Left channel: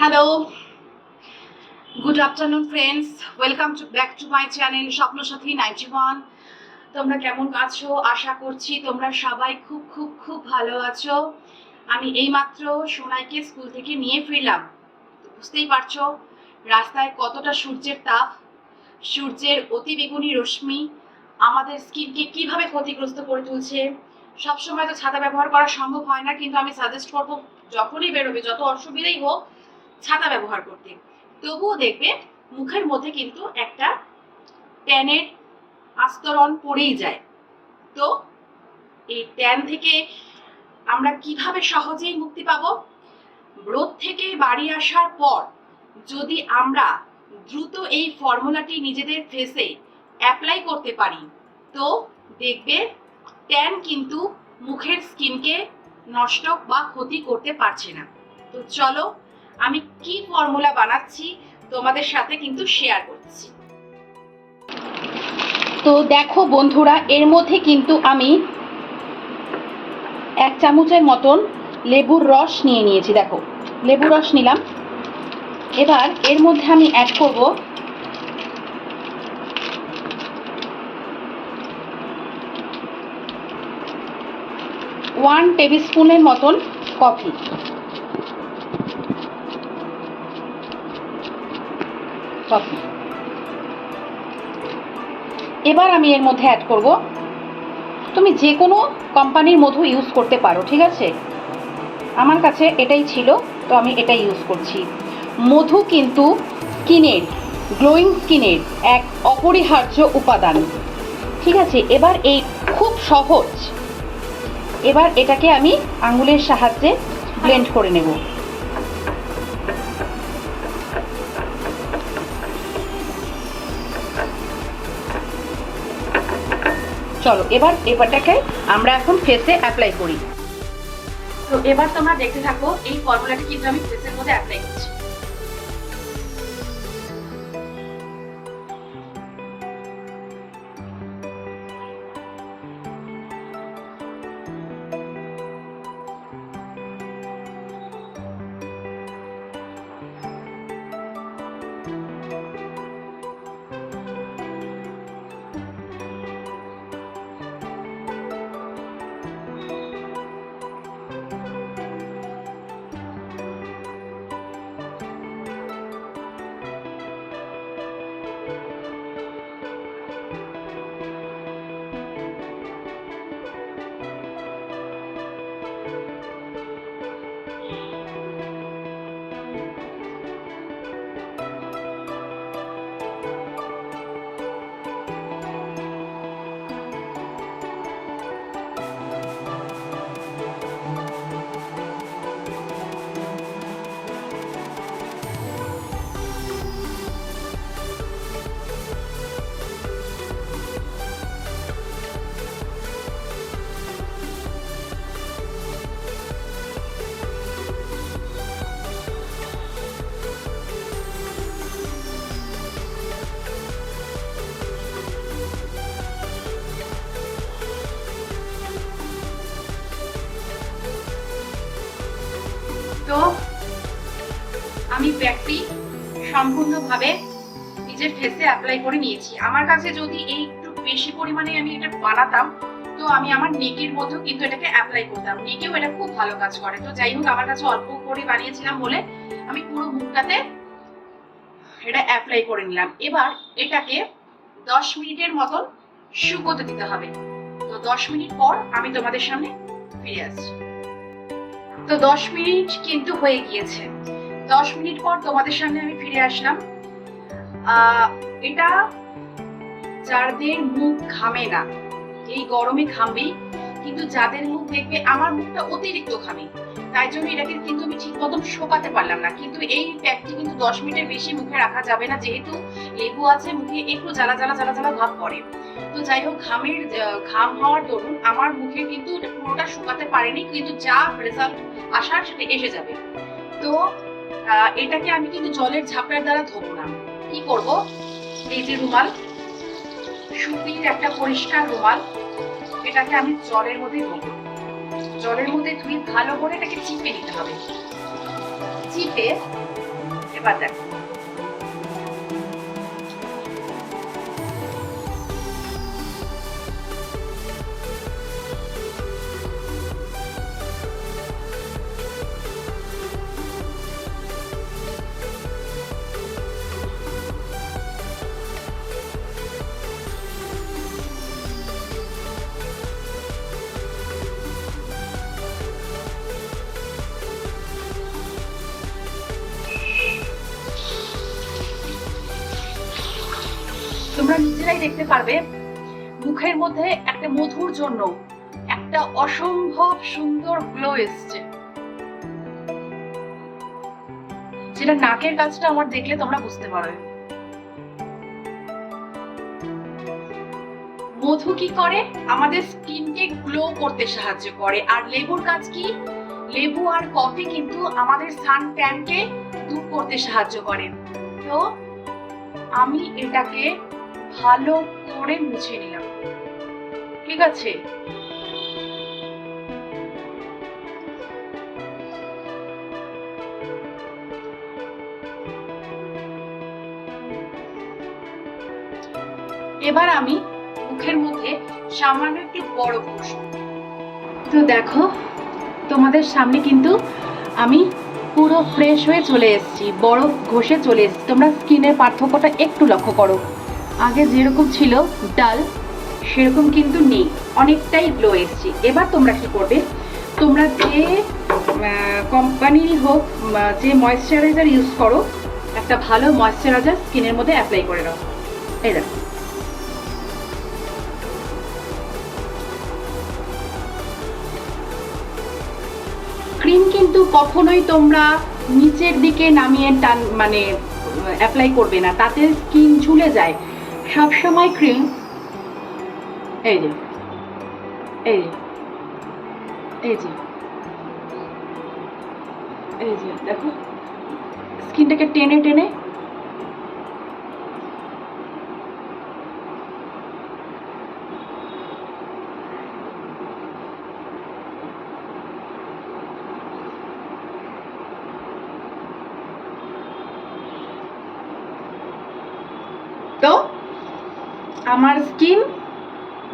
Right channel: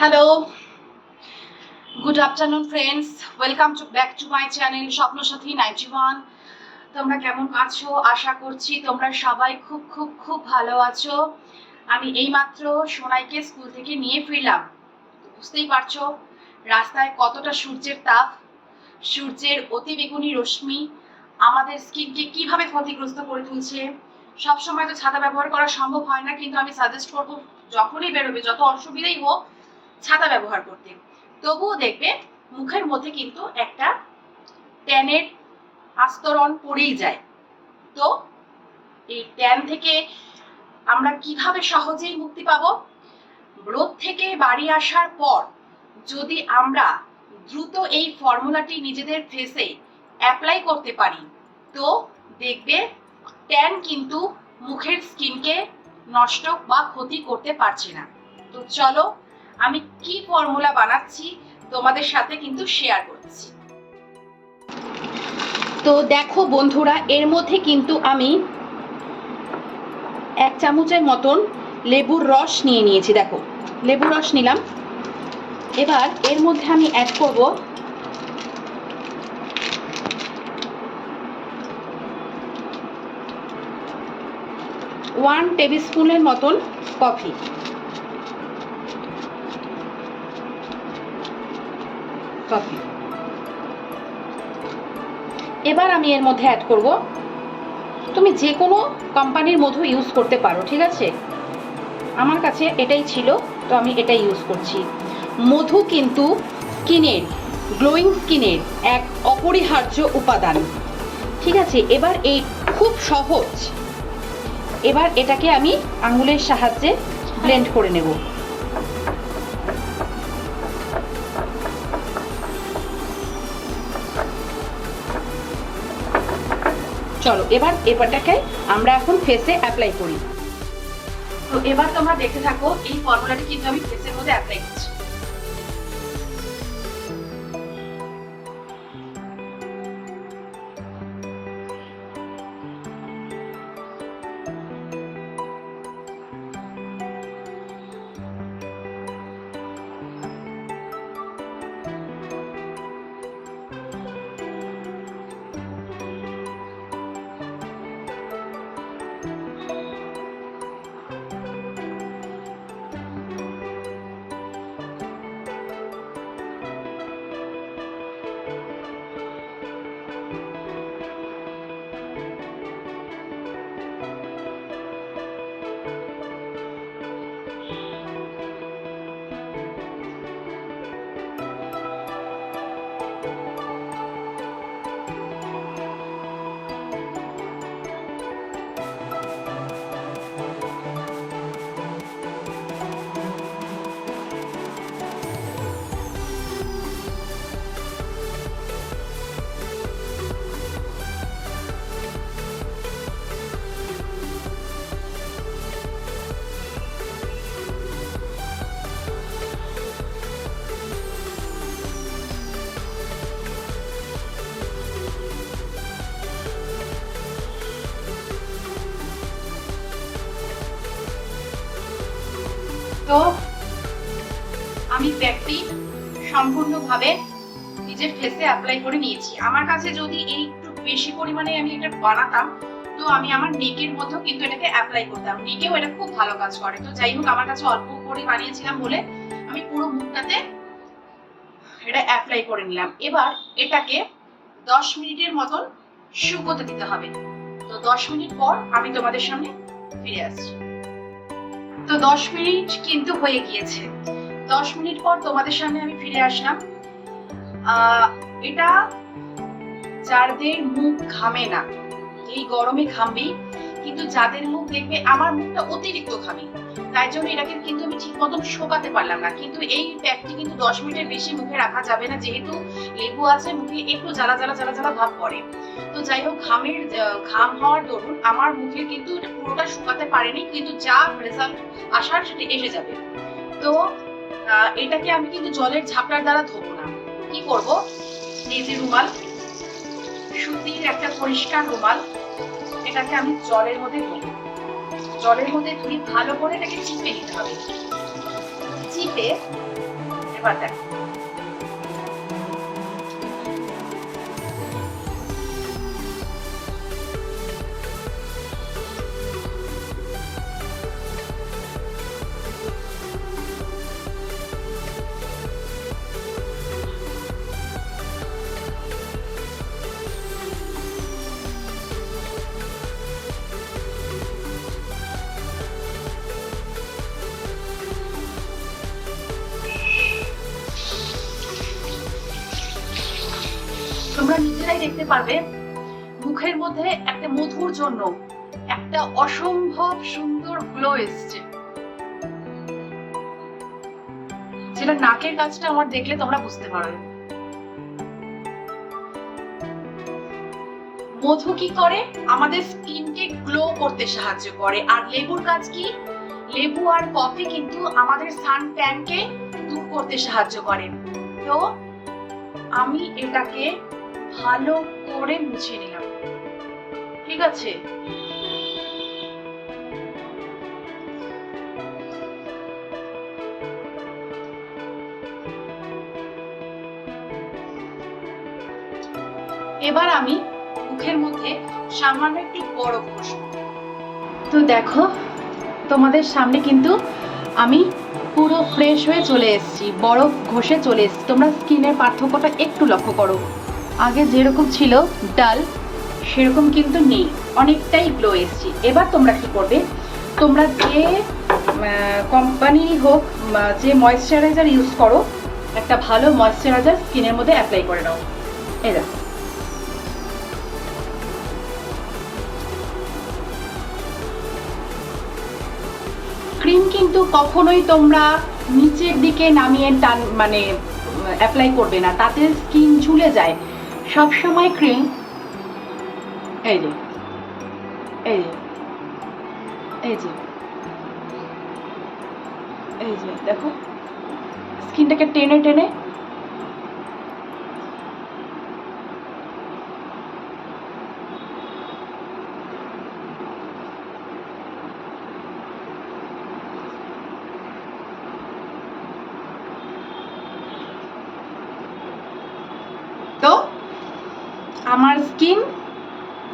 Hello good afternoon friends welcome to back to my channel Swapnasathi ninety one তোমরা কেমন আছো? আশা করছি তোমরা সবাই খুব খুব খুব ভালো আছো। আমি এইমাত্র সোনাইকে স্কুল থেকে নিয়ে ফিরলাম। বুঝতেই পারছ, রাস্তায় কতটা সূর্যের তাপ। সূর্যের অতিবেগুনি রশ্মি আমাদের স্কিনকে কীভাবে ক্ষতিগ্রস্ত করে তুলছে? সবসময় তো ছাতা ব্যবহার করা সম্ভব হয় না, কিন্তু আমি সাজেস্ট করব, যখনই বেরোবে, যত অসুবিধাই হোক ছাতা ব্যবহার করতে। তবুও দেখবে মুখের মধ্যে কিন্তু একটা ট্যানের আস্তরণ পড়েই যায়। তো এই ট্যান থেকে আমরা কীভাবে সহজেই মুক্তি পাব? রোদ থেকে বাড়ি আসার পর যদি আমরা দ্রুত এই ফর্মুলাটি নিজেদের ফেসে অ্যাপ্লাই করতে পারি, তো দেখবে ট্যান কিন্তু মুখের স্কিনকে নষ্ট বা ক্ষতি করতে পারছে না। তো চলো আমি কি ফর্মুলা বানাচ্ছি তোমাদের সাথে কিন্তু শেয়ার করছি। তো দেখো বন্ধুরা, এর মধ্যে কিন্তু আমি এক চামচের মতন লেবুর রস নিয়ে নিয়েছি, দেখো। লেবুর রস নিলাম। এবার এর মধ্যে আমি অ্যাড করব ওয়ান টেবিল স্পুনের মতন কফি কফি। এবার আমি এর মধ্যে অ্যাড করব। তুমি যে কোনো কোম্পানির মধু ইউজ করতে পারো, ঠিক আছে? আমার কাছে এটাই ছিল, তো আমি এটাই ইউজ করছি। মধু কিন্তু স্কিনের গ্লোয়িং স্কিনের এক অপরিহার্য উপাদান। ঠিক আছে, এবার এই খুব সহজ। এবার এটাকে আমি আঙুলের সাহায্যে ব্লেন্ড করে নেব। চলো, এবার এবারটাকে আমরা এখন ফেসে অ্যাপ্লাই করি। তো এবার তোমরা দেখে থাকো এই ফর্মুলাটা কিন্তু আমি ফেসের মধ্যে অ্যাপ্লাই করছি। তো আমি প্যাকটি সম্পূর্ণভাবে নিজের ফেসে অ্যাপ্লাই করে নিয়েছি। আমার কাছে যদি এই একটু বেশি পরিমাণে আমি এটা বানাতাম, তো আমি আমার নেকের মধ্যেও কিন্তু এটাকে অ্যাপ্লাই করতাম। নেকেও এটা খুব ভালো কাজ করে। তো যাই হোক, আমার কাছে অল্প করে বানিয়েছিলাম বলে আমি পুরো মুখটাতে এটা অ্যাপ্লাই করে নিলাম। এবার এটাকে দশ মিনিটের মতন শুকোতে দিতে হবে। তো দশ মিনিট পর আমি তোমাদের সামনে ফিরে আসছি। তো দশ মিনিট কিন্তু হয়ে গিয়েছে। দশ মিনিট পর তোমাদের সামনে আমি ফিরে আসলাম। এটা যাদের মুখ ঘামে না, এই গরমে ঘামবেই, কিন্তু যাদের মুখ দেখবে আমার মুখটা অতিরিক্ত ঘামে। তাই জন্য এটাকে কিন্তু আমি ঠিক মতন শোকাতে পারলাম না। কিন্তু এই প্যাকটি কিন্তু দশ মিনিটের বেশি মুখে রাখা যাবে না, যেহেতু লেবু আছে, মুখে একটু জ্বালা জ্বালা জ্বালা জ্বালা ভাব পড়ে। তো যাই হোক, ঘামের ঘাম হওয়ার দরুন আমার মুখে কিন্তু পুরোটা শুকাতে পারেনি, কিন্তু যা রেজাল্ট আসার সেটা এসে যাবে। তো এটাকে আমি কিন্তু জলের ঝাপটার দ্বারা ধোবো না। কি করব? এই যে রুমাল, সুতির একটা পরিষ্কার রুমাল, এটাকে আমি জলের মধ্যে ধোবো। জলের মধ্যে ধুয়ে ভালো করে এটাকে চিপে নিতে হবে। চিপে এবার দেখো। তোমরা নিজেরাই দেখতে পারবে মুখের মধ্যে একটা মধুর জন্য একটা অসম্ভব সুন্দর গ্লো এসছে। যেটা নাকের কাজটা আমার দেখলে তোমরা বুঝতে পারবে। মধু কি করে? আমাদের স্কিনকে গ্লো করতে সাহায্য করে। আর লেবুর কাজ কি? লেবু আর কফি কিন্তু আমাদের সান ট্যানকে দূর করতে সাহায্য করে। তো আমি এটাকে ভালো করে মুছে নিলাম। ঠিক আছে? এবার আমি মুখের মধ্যে সামান্য একটু বরফ ঘষব তো দেখো, তোমাদের সামনে কিন্তু আমি পুরো ফ্রেশ হয়ে চলে এসেছি, বরফ ঘষে চলে এসেছি। তোমরা স্কিনের পার্থক্যটা একটু লক্ষ্য করো। আগে যেরকম ছিল ডাল, সেরকম কিন্তু নেই। অনেকটাই গ্লো এসেছি। এবার তোমরা কি করবে? তোমরা যে কোম্পানিরই হোক যে ময়েশ্চারাইজার ইউজ করো, একটা ভালো ময়েশ্চারাইজার স্কিনের মধ্যে অ্যাপ্লাই করে নাও। এই দেখো। ক্রিম কিন্তু কখনোই তোমরা নিচের দিকে নামিয়ে টান মানে অ্যাপ্লাই করবে না। তাতে স্কিন ঝুলে যায়। সব সময় ক্রিম এই যে এই এই যে এই যে দেখো স্কিনটাকে টেনে টেনে তো আমার স্কিন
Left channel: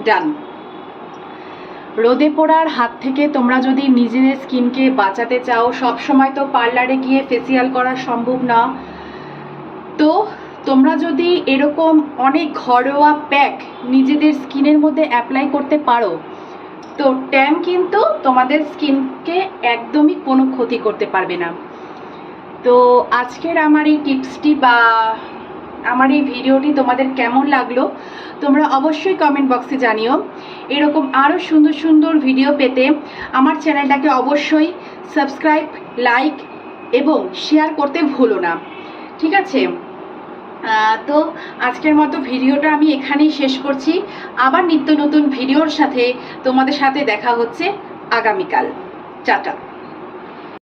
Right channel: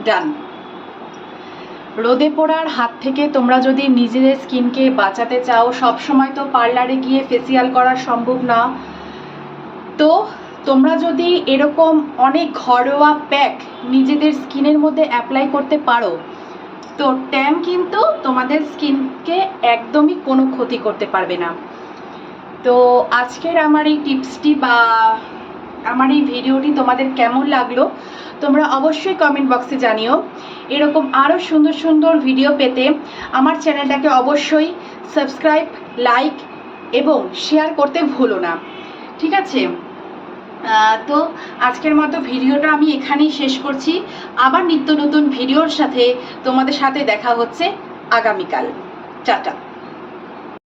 ডান। রোদে পোড়ার হাত থেকে তোমরা যদি নিজেদের স্কিনকে বাঁচাতে চাও সব সময় তো পার্লারে গিয়ে ফেসিয়াল করা সম্ভব না। তো তোমরা যদি এরকম অনেক ঘরোয়া প্যাক নিজেদের স্কিনের মধ্যে অ্যাপ্লাই করতে পারো, তো ট্যান কিন্তু তোমাদের স্কিনকে একদমই কোনো ক্ষতি করতে পারবে না। তো আজকের আমার এই টিপসটি বা আমার এই ভিডিওটি তোমাদের কেমন লাগল, তোমরা অবশ্যই কমেন্ট বক্সে জানিও। এরকম আরও সুন্দর সুন্দর ভিডিও পেতে আমার চ্যানেলটাকে অবশ্যই সাবস্ক্রাইব লাইক এবং শেয়ার করতে ভুলো না। ঠিক আছে? তো আজকের মতো ভিডিওটা আমি এখানেই শেষ করছি। আবার নিত্য নতুন ভিডিওর সাথে তোমাদের সাথে দেখা হচ্ছে আগামীকাল। টাটা।